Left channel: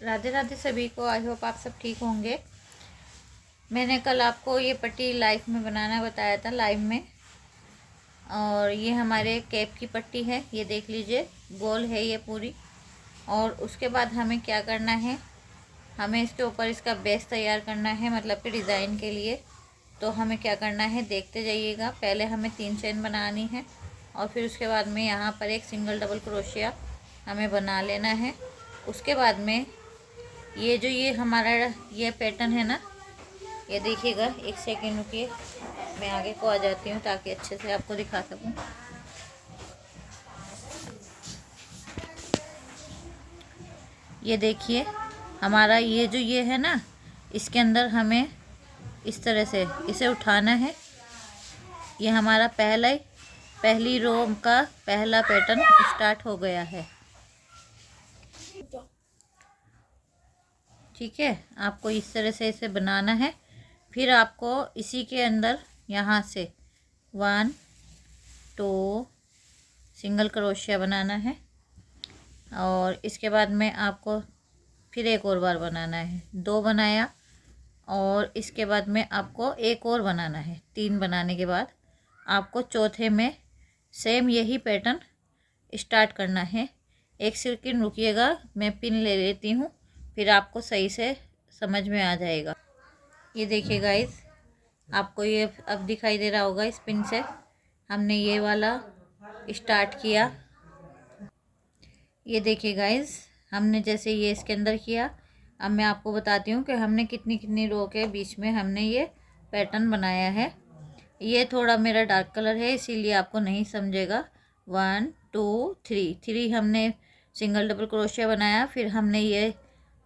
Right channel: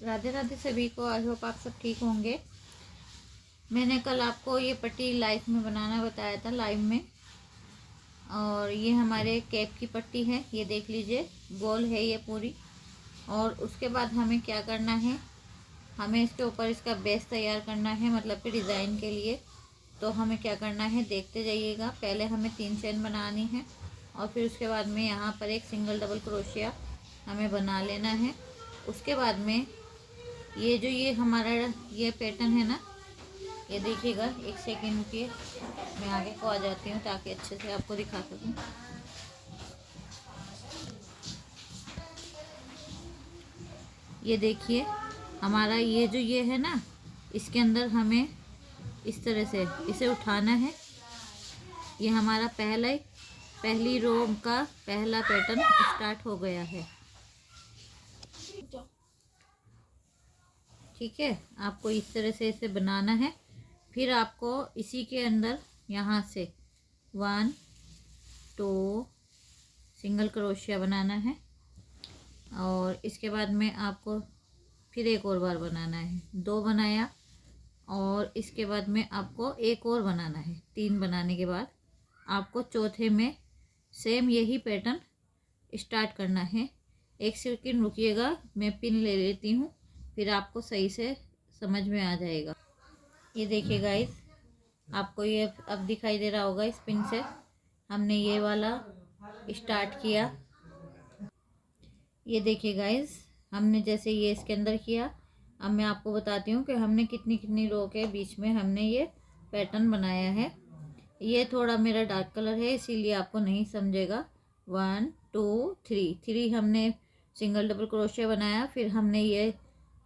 राधे राधे सभी को। I hope आप सब ठीक होंगे। मैंने कल आपको ये पट्टी लाइव में बनाना बताया था, लाइव में। और ये हमारे कैप की पट्टी है, ये देख लीजिए, गोल है ये पूरी। और उसके बाद हमें क्या करना है, हमें इसके ऊपर इसका बेस तैयार करना है, मतलब कि डिज़ाइन के लिए। तो हमें क्या करना है, देखते जाइएगा। पहले हमें 3 चेन बनानी है और फिर उसके बाद में यहाँ पर एक सिंगल डबल क्रोशिया हमें बना लेना है। उसके बाद में ये हमारा ये पैटर्न है ना, ये देखिएगा। एक सेकेंड रुकिए, मैं आगे को आ जाती हूँ ताकि अच्छे से आपको दिखा सकूँ। ये देखिए, हमारा ये है ना, इसके अंदर हमें इस तरह से इसे उठाना है। ये हमारा पहली रो का पहला पैटर्न स्टार्ट हो गया है। ठीक है, आपको इस तरह से इसे बनाना है। फिर आपको इसी के अंदर यहाँ से 1 2 सिंगल क्रोशिया बनाना है और इसके बाद में आपको फिर एक और बार बनाना है। 2 बनाया और इसके बाद में आपको एक और बनाना है। 3 बनाने के बाद आपको चौथे में सेम यही पैटर्न स्टार्ट करना है। एक सेकंड रुकिएगा, मैं पिन ले लेती हूँ, फिर आपको सही से समझ में आ जाएगा। ये देखिए गाइस, आपको ये अब दिखाई दे रहा होगा। इस पिन से हमने ये वाला स्टार्ट किया। ये देखिए गाइस, हमने जैसे ये इसके अंदर किया। अब मैं आपको बताती हूँ कि हमने कितनी कितनी रो के बीच में हमने ये पैटर्न बनाया है। ये थोड़ा मेरा डार्क कलर है, इसीलिए आपको नहीं समझेगा। 1 2 3 हमने सिंगल डबल क्रोशिया बनाया। फिर हमने ये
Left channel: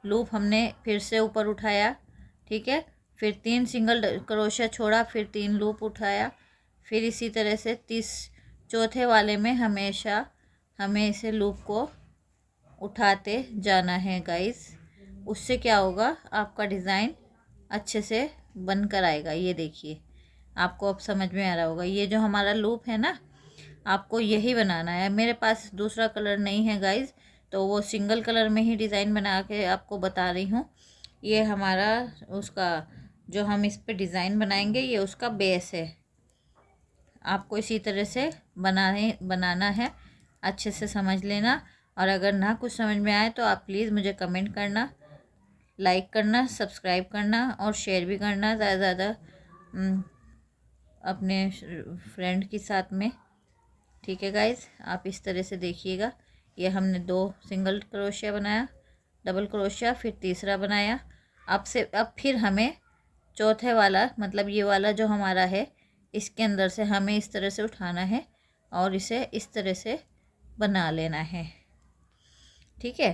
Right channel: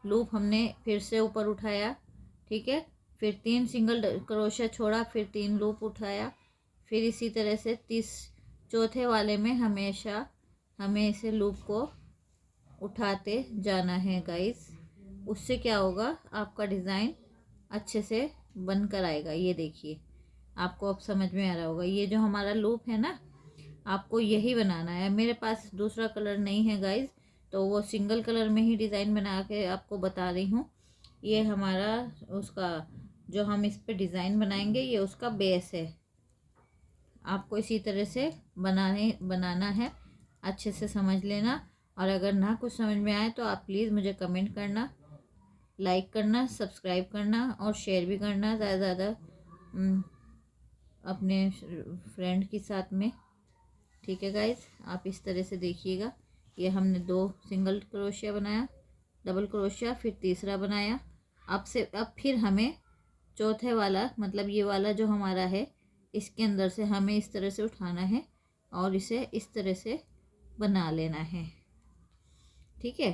लूप हमने फिर से ऊपर उठाया, ठीक है। फिर 3 सिंगल क्रोशिया छोड़ा, फिर 3 लूप उठाया। फिर इसी तरह से चौथे वाले में हमेशा हमें इसे लूप को उठाते जाना है गाइस। उससे क्या होगा, आपका डिज़ाइन अच्छे से बन कर आएगा। ये देखिए, आपको अब समझ में आ रहा होगा। ये जो हमारा लूप है ना, आपको यही बनाना है। मेरे पास दूसरा कलर नहीं है गाइस, तो वो सिंगल कलर में ही डिज़ाइन बना के आपको बता रही हूँ। ये हमारा उसका जो हम इस पे डिज़ाइन बनाएंगे, ये उसका बेस है। आपको इसी तरह से बनाना है। अच्छे से समझ लेना। और अगर ना कुछ समझ में आए तो आप प्लीज़ मुझे कमेंट करना, लाइक करना, सब्सक्राइब करना और शेयर भी करना ज़्यादा ज़्यादा अपने फ्रेंड के साथ में। ठीक है गाइस, आप इस तरह से देखिएगा। ये हमने 2 सिंगल क्रोशिया बनाया, डबल क्रोशिया, फिर तीसरा बनाया। अब फिर हमें चौथे वाला, मतलब ये वाला जो हमारा है, इसके अंदर से हमें इस तरह से उठाना है और इसे इस तरह से बना लेना है। ठीक है,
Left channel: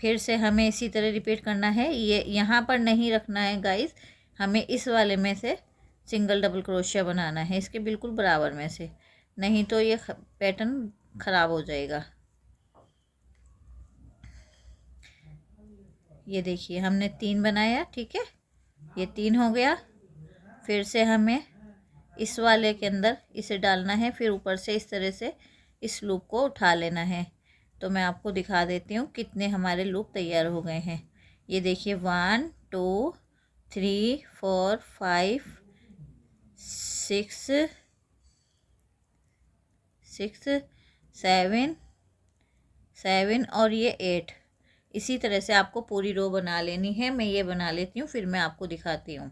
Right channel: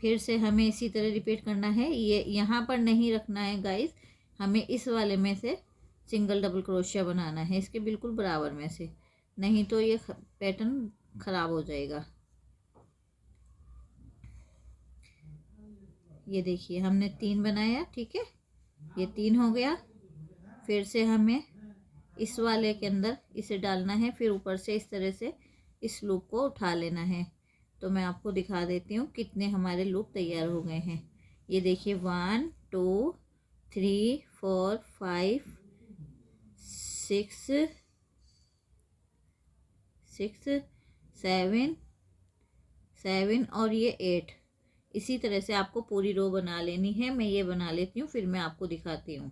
फिर से हमें इसी तरह रिपीट करना है। ये यहाँ पर नहीं रखना है गाइस, हमें इस वाले में से सिंगल डबल क्रोशिया बनाना है, इसके बिल्कुल बराबर में से, नहीं तो ये पैटर्न ख़राब हो जाएगा। ये देखिए, हमने 3 बनाया, ठीक है, ये 3 हो गया। फिर से हमें इस वाले के अंदर इसे डालना है, फिर ऊपर से इस तरह से इस लूप को उठा लेना है। तो मैं आपको दिखा देती हूँ कितने हमारे लूप तैयार हो गए हैं। ये देखिए, 1 2 3 4 5 6 6 7 और ये 8। इसी तरह से आपको पूरी रो बना लेनी है। मैं ये बना लेती हूँ, फिर मैं आपको दिखाती हूँ।